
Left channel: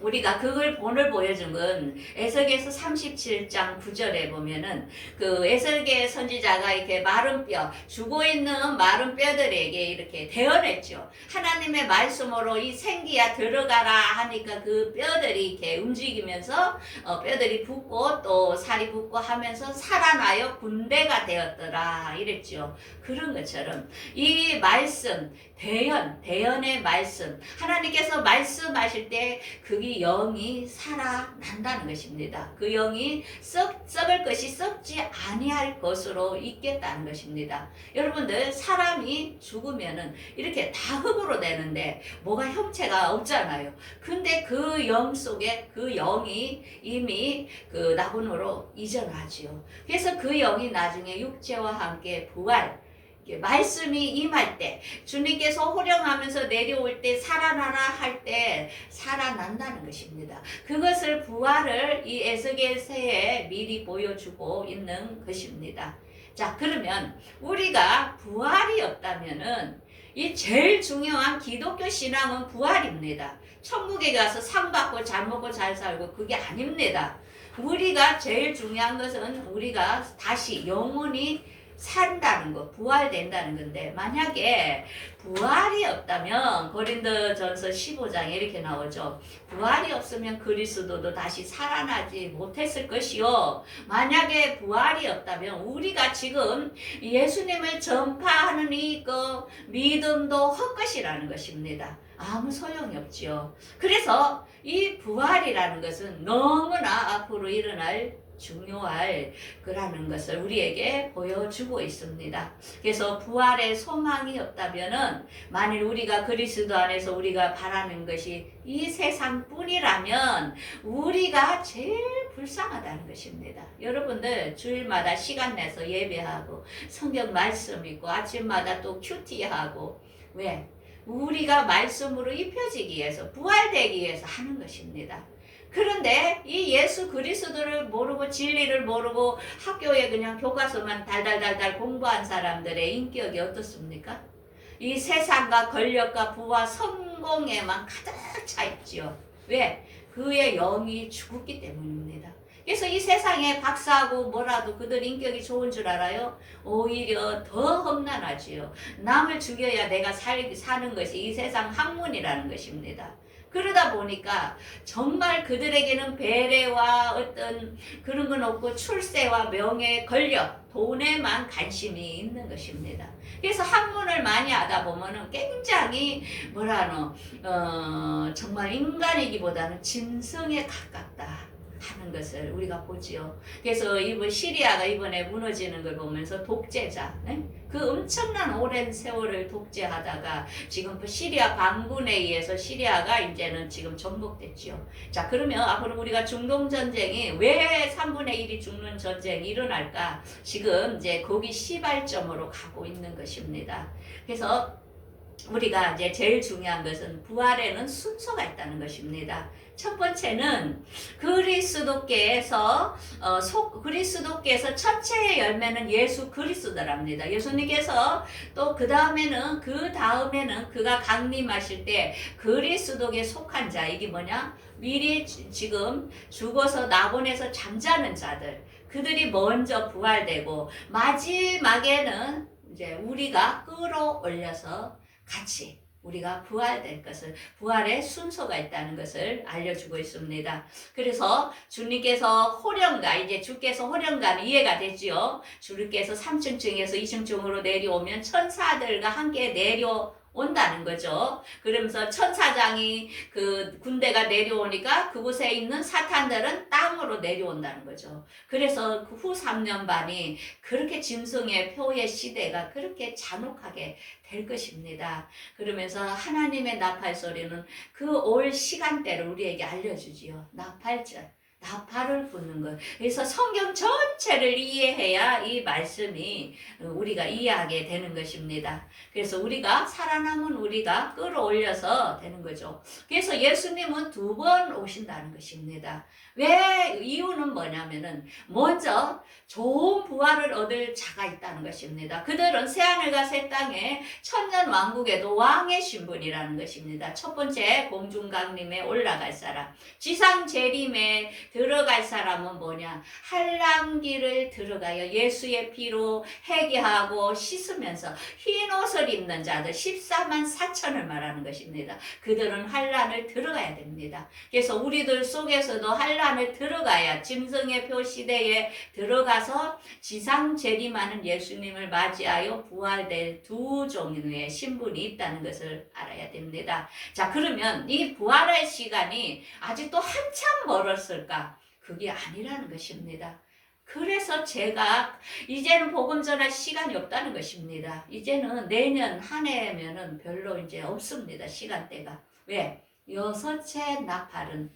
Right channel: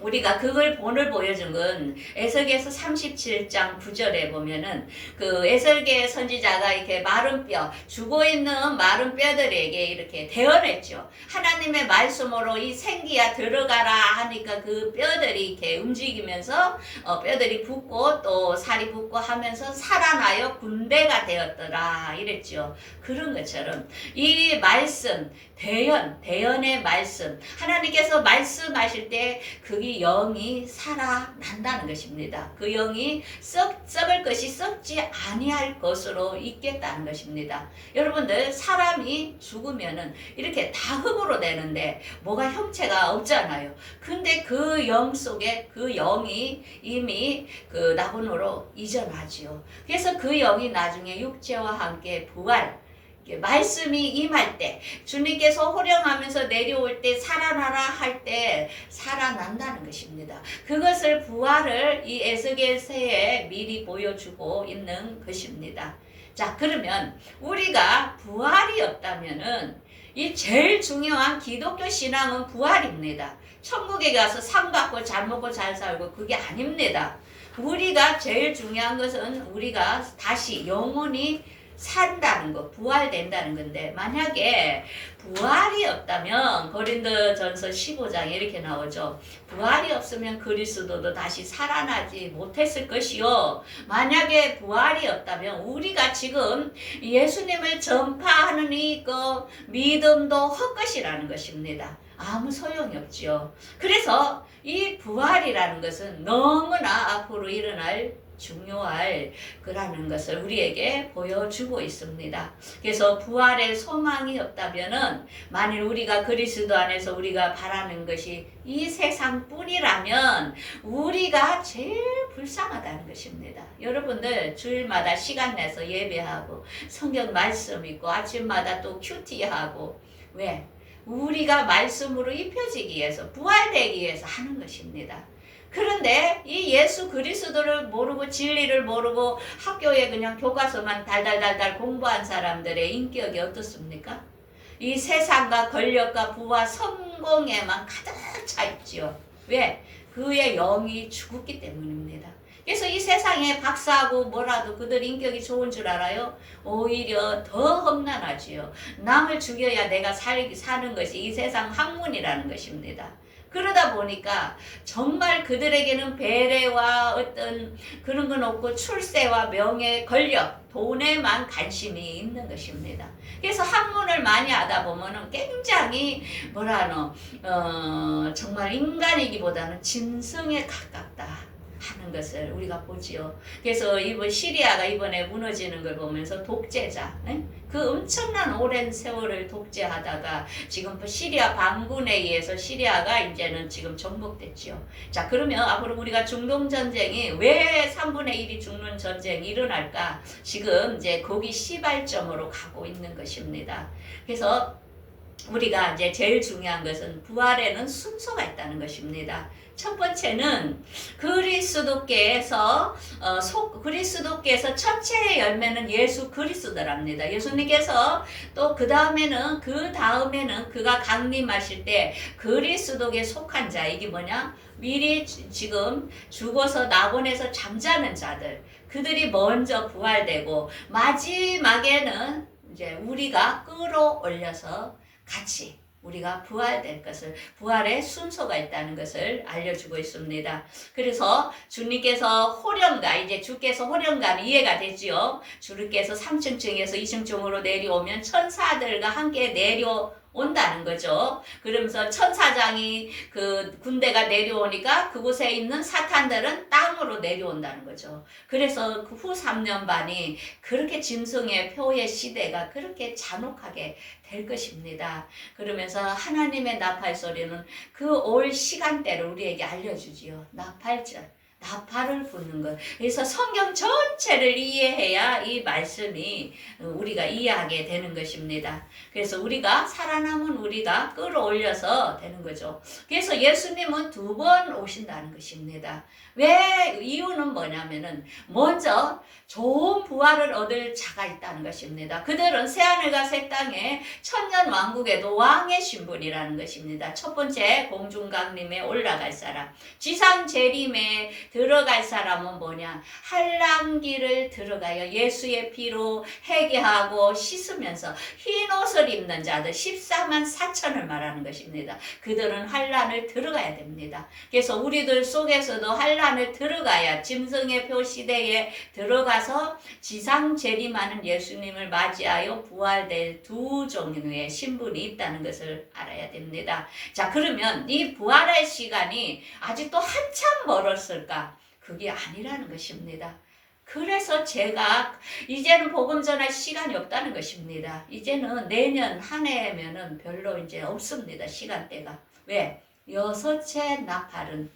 우리가 그걸 본을 보여준 건 에스겔서 37장 9절에 보면은 그 에스겔 선지자가 이렇게 마른 뼈, 죽어 있는 마른 뼈들에게 이렇게 대언했죠. 하나님의 말씀으로 이 생기야 들어가라 하니까 그 뼈들이 이렇게 움직이면서 뼈들이 붓고 또 살이 붓고 하면서 살아나요 군대가 되었더라 이랬죠. 그런 것처럼 이 말씀 대언의 말씀 하나님께서 말씀하실 때 그게 영이 살아난다는 것입니다. 그 영이 썩을 것이 썩지 아니할 것으로 있겠다는 것입니다. 여러분들 사람이 죽으면은 이렇게 다 흙으로 되는데 뭐가 형체가 없잖아요. 근데 그 영 속에 그 영이 이미 그 낙원으로 이전하지요. 그래서 그 영이 나중에 육체와 함께 부활 말씀이 임할 때 주님께서 호령하면서 내려올 때 살아나라 할 때 살아난다는 것입니다. 그것을 부활을 이 에스겔서에 미리 보여주고 있는 것입니다. 자, 그러면 우리가 부활이 없다면은 이 제일 중요한 기독교 신앙은 부활입니다. 천국에 가서 상 받고 잘 먹고 잘 살고 그게 아닙니다. 우리가 제일 중요한 것은 우리가 다시 영원히 산다는 거, 부활된다는 건데 만약에 부활이 없다면 고린도전서 15장에 이렇게 나오죠. 부활이 없으면 그리스도도 다시 살아나지 못했을 것이요. 만약에 부활이 없다면 우리가 지금 예수님을 전파하는 이 믿음도 헛것이라는 것입니다. 아무 소용이 없지요. 그래서 이 부활이라는 것은 너무나 앞으로 일어날 중요할 거라는 것을 우리에게 보여주고 있습니다. 그래서 부활의 소망이 없다면은 만일 우리가 그리스도 안에서 우리가 바라는 것이 이 세상뿐이라면 우리가 제일 불쌍하다는 것입니다. 여러분들 주일마다 시간 내서 예배하고 성경 말씀 읽고 아침마다 또 큐티하고 왜? 우리가 말씀으로 입혀지기 위해서 부활되기 위해서 하는 것입니다. 그런데 이 예수 그리스도를 모르고 진리를 모르고 학교에 그냥 교과서만 달달달달 공부한 사람들의 인격이 어떻습니까? 이 세상과 권력과 부와 성공에만 가득 차 있지요. 왜? 그의 영이 죽었기 때문입니다. 그래서 이 세상에 박사하고 뭐라도 그들 인격이 좋은 줄 알아요? 오히려 더 험난하지요. 남을 죽여야 내가 사는 것이 이 세상 학문이라는 것입니다. 그러다 보니까 정말 그들에게는 배려와 어떤 그런 건 없고 출세와 명예, 권력, 돈에만 관심이 있는 것입니다. 그래서 학문을 많이 하다 보면은 굉장히 정말 인간이기보다는 짐승에 가깝다 하는 것을 우리가 보지요. 그래서 이번 시리아가 이번에 무너지는 걸 보면서 독재자, 그 엄청난 오랜 세월을 독재하다가 지금 시리아 반군에 의해서 시리아가 이제는 지금 정복됐지요. 자, 그러면 앞으로 우리가 중동 전쟁이 왜 3분의 1이 죽는 전쟁이 일어날까? 지금 이제 거기 시발점으로 가고 있는 것입니다. 그래서 우리가 이제 제일 중요한 것은 부활에는 순서가 있다는 것입니다. 첫 번째는 그리스도께서 첫째의 열매는 예수 그리스도랍니다. 예수님께서 또 그 다음에는 그가 강림하실 때 그리스도께 속한 자 이게 뭐냐? 미리 지금 죽어서 낙원에서 잠자는 자들 그들이 먼저 부활되고 마지막에는 이제 우리가 끌어올려서 같이 우리가 부활될 것을, 부활의 순서가 있다는 것을 알려주고 있습니다. 그래서 주님께서 호령가, 이제 주께서 호령가는 이해가 되지요. 주님께서 3층층에서 2층층으로 내려오면 천사들과 함께 내려온다는 거죠. 그러면서 천사장이 그 군대가 내려오니까 그곳에 있는 사탄들은 땅으로 내려온다는 거죠. 그래서 그 후 3년 반이 그렇게 짐승의 표의 시대가 그렇게 잔혹하게 될 것입니다. 그러면서 하나님의 나팔 소리는 그 올 시간대를 우리에게 알려주지요. 나팔절. 나팔을 부는 것. 그래서 성경 전체를 이해해야 이 말씀이 우리가 이해하게 되는 것입니다. 그래서 우리가 살아남은 우리가 끌어올려서 되는 거죠. 그래서 예수님은 2번 오신다는 것입니다. 왜? 이유는 뭐냐면은 먼저 좋은 부활을 얻을 자가 있다는 것입니다. 그들은 새하늘과 새 땅에 천년 왕국에도 왕의 신분이라는 것입니다. 첫 번째 공중강림에 올라갈 사람, 지상 재림에 들어갈 사람은 뭐냐? 한란길을 들어가요. 예수의 피로 회개하고 씻으면서 흰 옷을 입는 자들 14만 4천을 말하는 것입니다. 그들은 한란을 들어가야 됩니다. 그래서 우리들 속에서도 한란을 들어가야 짐승의 표 시대에 들어가서 지상 재림하는 예수님을 맞이하여 부활될 2종류의 신분이 있다는 것을 알아야 됩니다. 자, 그러면 이 부활의 시간이 아직도 한참 멀었을까? 그게 아니라는 것입니다. 그래서 제가 이제는 복음 전할 시간이 없다는 것입니다. 이제는 내년 한 해면은 별로 이제 없습니다. 시간대가. 왜? 6째 나팔은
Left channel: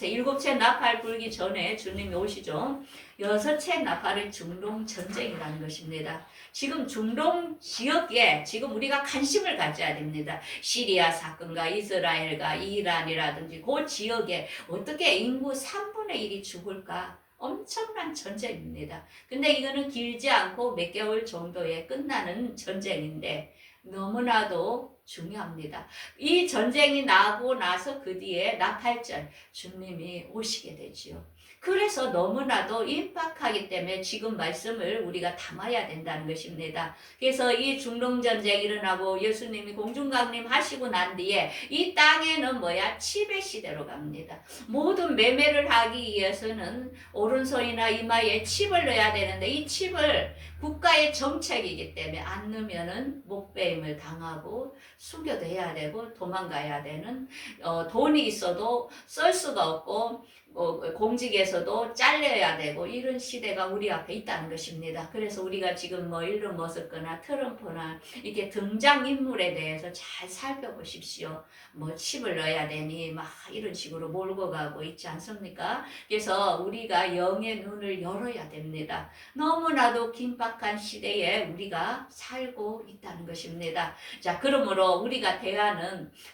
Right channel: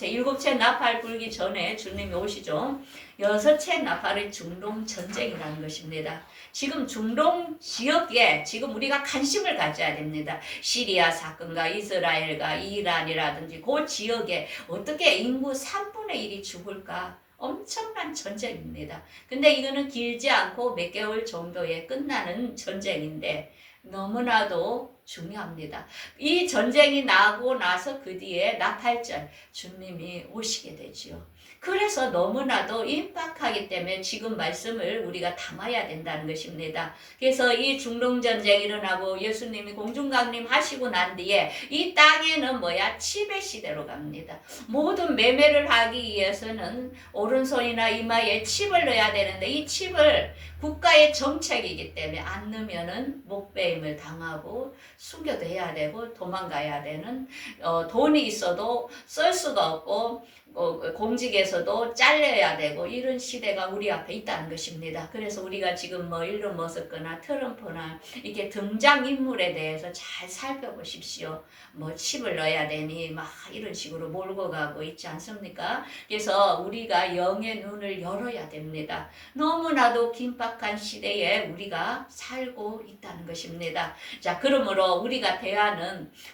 일곱째 나팔 불기 전에 주님이 오시죠. 6째 나팔은 중동 전쟁이라는 것입니다. 지금 중동 지역에 지금 우리가 관심을 가져야 됩니다. 시리아 사건과 이스라엘과 이란이라든지 그 지역에 어떻게 인구 3분의 1이 죽을까? 엄청난 전쟁입니다. 근데 이거는 길지 않고 몇 개월 정도에 끝나는 전쟁인데 너무나도 중요합니다. 이 전쟁이 나고 나서 그 뒤에 나팔절 주님이 오시게 되지요. 그래서 너무나도 임박하기 때문에 지금 말씀을 우리가 담아야 된다는 것입니다. 그래서 이 중동전쟁이 일어나고 예수님이 공중강림 하시고 난 뒤에 이 땅에는 뭐야? 칩의 시대로 갑니다. 모든 매매를 하기 위해서는 오른손이나 이마에 칩을 넣어야 되는데 이 칩을 국가의 정책이기 때문에 안 넣으면은 목배임을 당하고 숨겨둬야 되고 도망가야 되는 돈이 있어도 쓸 수가 없고 공직에서도 잘려야 되고 이런 시대가 우리 앞에 있다는 것입니다. 그래서 우리가 지금 뭐 일론 머스크나 트럼프나 이렇게 등장인물에 대해서 잘 살펴보십시오. 뭐 칩을 넣어야 되니 막 이런 식으로 몰고 가고 있지 않습니까? 그래서 우리가 영의 눈을 열어야 됩니다. 너무나도 긴박한 시대에 우리가 살고 있다는 것입니다. 자, 그러므로 우리가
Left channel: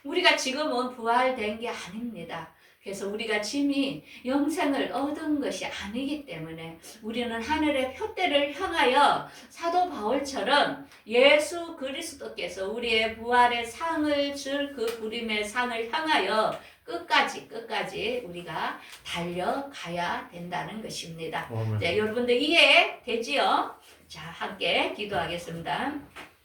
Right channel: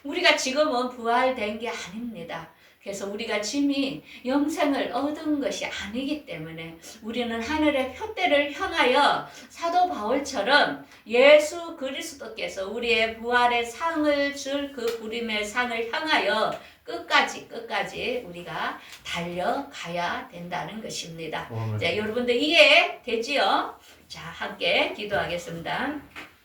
우리가 지금은 부활된 게 아닙니다. 그래서 우리가 짐이 영생을 얻은 것이 아니기 때문에 우리는 하늘의 표대를 향하여 사도 바울처럼 예수 그리스도께서 우리의 부활의 상을 줄 그 부림의 상을 향하여 끝까지 우리가 달려가야 된다는 것입니다. 자, 여러분들 이해되지요? 자, 함께 기도하겠습니다.